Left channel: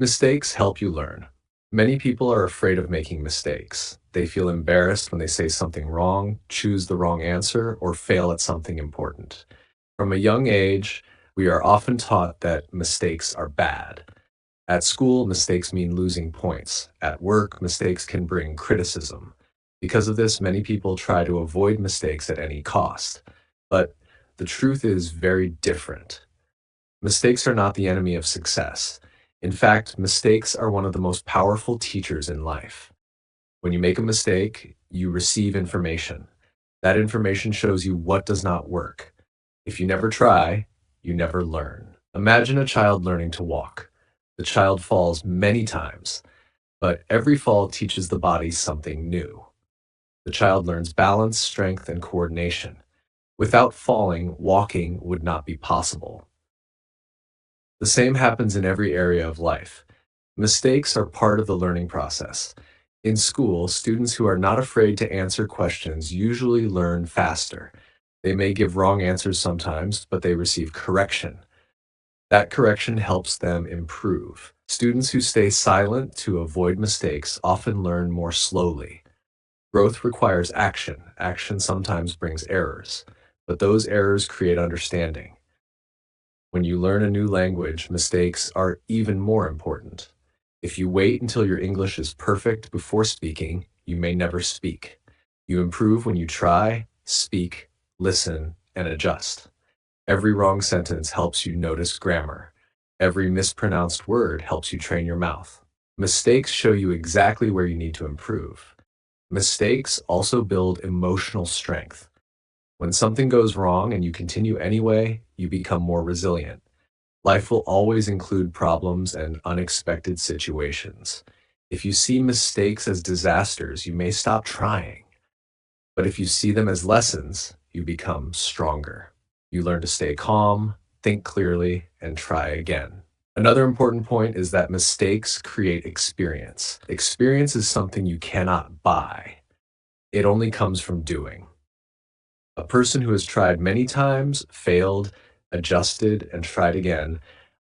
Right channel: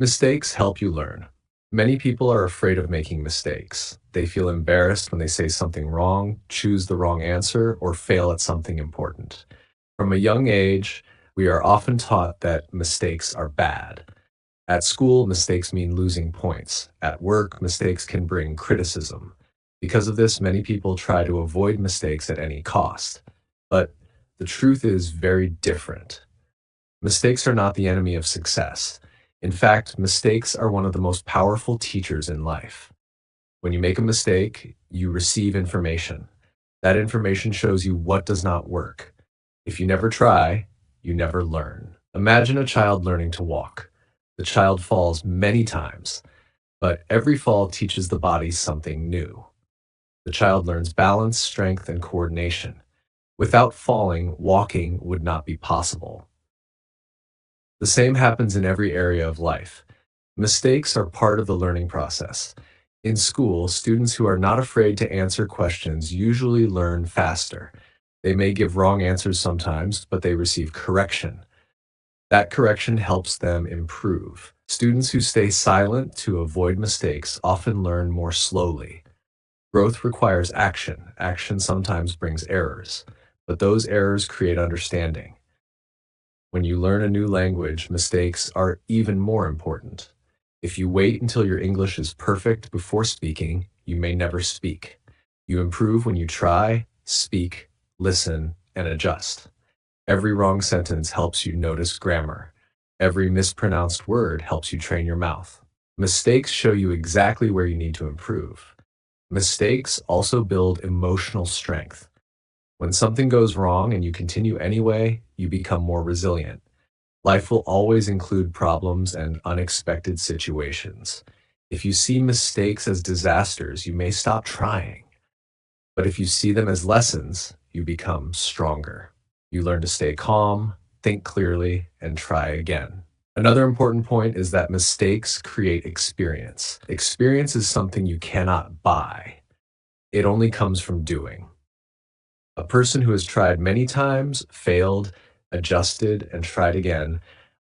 Mistakes help you learn. Many people are afraid of making mistakes. They feel embarrassed when they say something wrong, choose the wrong answer, or fail at something important. From a young age, we are often taught that mistakes are bad. At school, mistakes mean losing points. At work, mistakes can bring criticism. Because of this, many people try to avoid mistakes at any cost. But the truth is very different. Mistakes are not the enemy of success. In fact, mistakes are one of the most powerful teachers in life. When you make a mistake, you receive information. That information shows you what does not work. If you never try, you never learn. Imagine a child learning to walk. The child falls many times, but every fall teaches the body something new. The child learns balance, strength, and coordination. Without falling, walking would not be possible. The same happens in every area of life. Mistakes are part of the learning process. In school, students who are not afraid to answer questions usually learn faster. They may give wrong answers sometimes, but they receive correction. That correction helps them improve. Students who stay silent to avoid mistakes often learn more slowly. Growth requires action. Action sometimes brings errors, but those errors create understanding. When you learn a new language, mistakes are even more important. If you wait until your English is perfect before speaking, you may never speak. You improve when you try, speak, listen, and adjust. Every wrong sentence helps you notice grammar. Every mispronounced word helps you train your mouth. Mistakes show you exactly where you need to improve. Mistakes also build emotional strength. When something goes wrong and you continue anyway, you become more resilient. Life will always include problems and unexpected situations. If you see mistakes as disasters, you may stop trying. But if you see them as lessons, you become stronger. You learn to stay calm, think clearly, and try again. Another important point is that mistakes create experience. Experience is something you cannot buy. It only comes from doing. A person who has tried many times, failed, adjusted, and tried again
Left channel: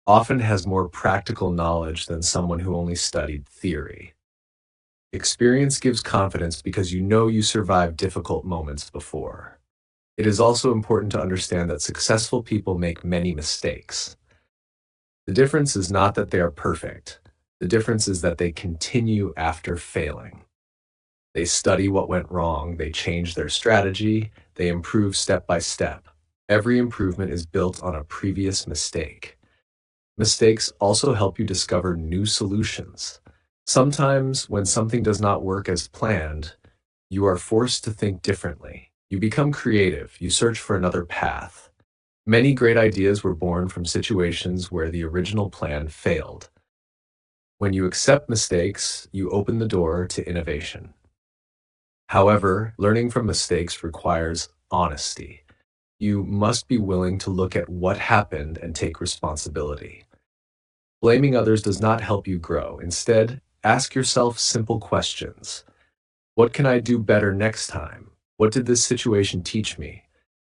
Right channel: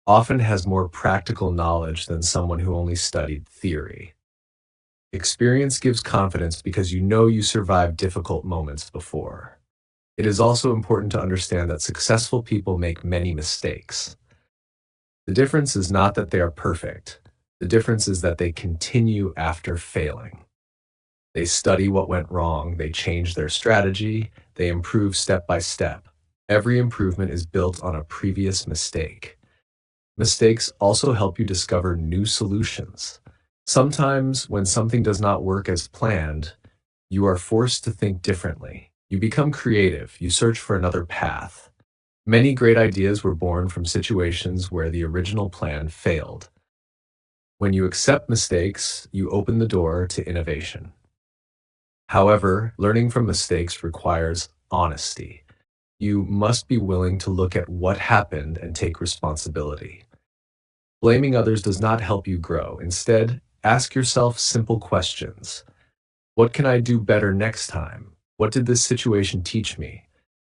often has more practical knowledge than someone who only studied theory. Experience gives confidence because you know you survived difficult moments before. It is also important to understand that successful people make many mistakes. The difference is not that they are perfect. The difference is that they continue after failing. They study what went wrong, they change their strategy, they improve step by step. Every improvement is built on a previous mistake. Mistakes also help you discover new solutions. Sometimes, when something does not work as planned, you are forced to think differently. You become creative, you search for another path. Many great ideas were born from situations where the original plan failed. When you accept mistakes, you open the door to innovation. However, learning from mistakes requires honesty. You must be willing to look at what happened and take responsibility. Blaming others does not help you grow. Instead, ask yourself simple questions. What can I do better next time? What did this situation teach me?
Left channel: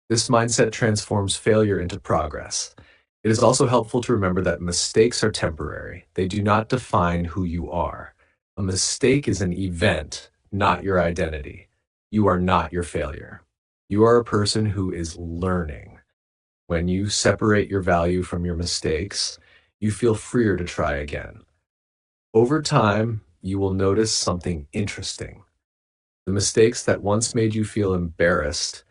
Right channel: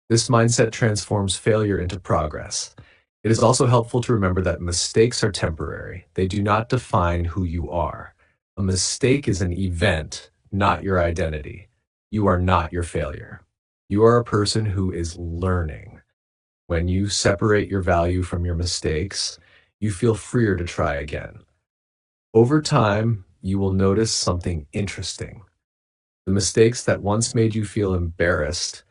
This mindset transforms failure into progress. It is also helpful to remember that mistakes are temporary. They do not define who you are. A mistake is an event, not your identity. You are not your failure. You are a person who is learning. When you separate your value from your mistakes, you feel freer to try again. Over time, you will notice something interesting. The mistakes that once made you feel embarrassed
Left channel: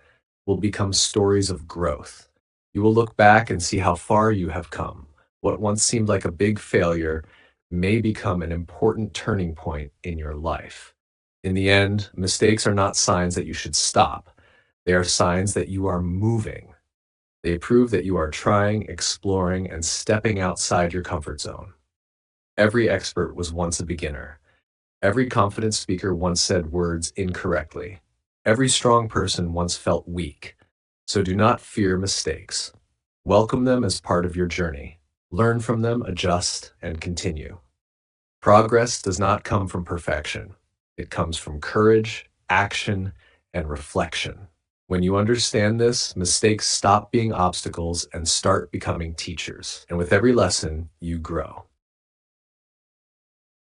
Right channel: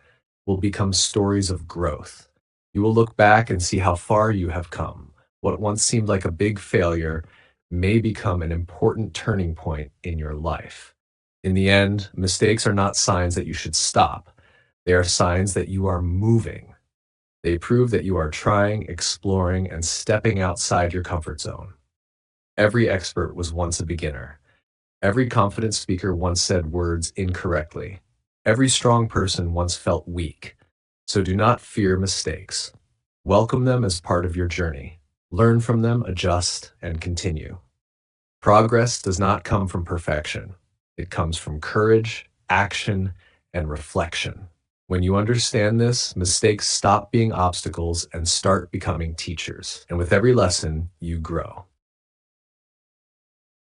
will become stories of growth. You will look back and see how far you have come. What once seemed like a big failure may become an important turning point in your life. In the end, mistakes are not signs that you should stop. They are signs that you are moving. They prove that you are trying, exploring, and stepping outside your comfort zone. Every expert was once a beginner. Every confident speaker once said words incorrectly. Every strong person once felt weak. So do not fear mistakes. Welcome them as part of your journey. Learn from them, adjust, and continue. Progress does not come from perfection. It comes from courage, action, and reflection. When you understand this, mistakes stop being obstacles and start becoming teachers. And with every lesson, you grow.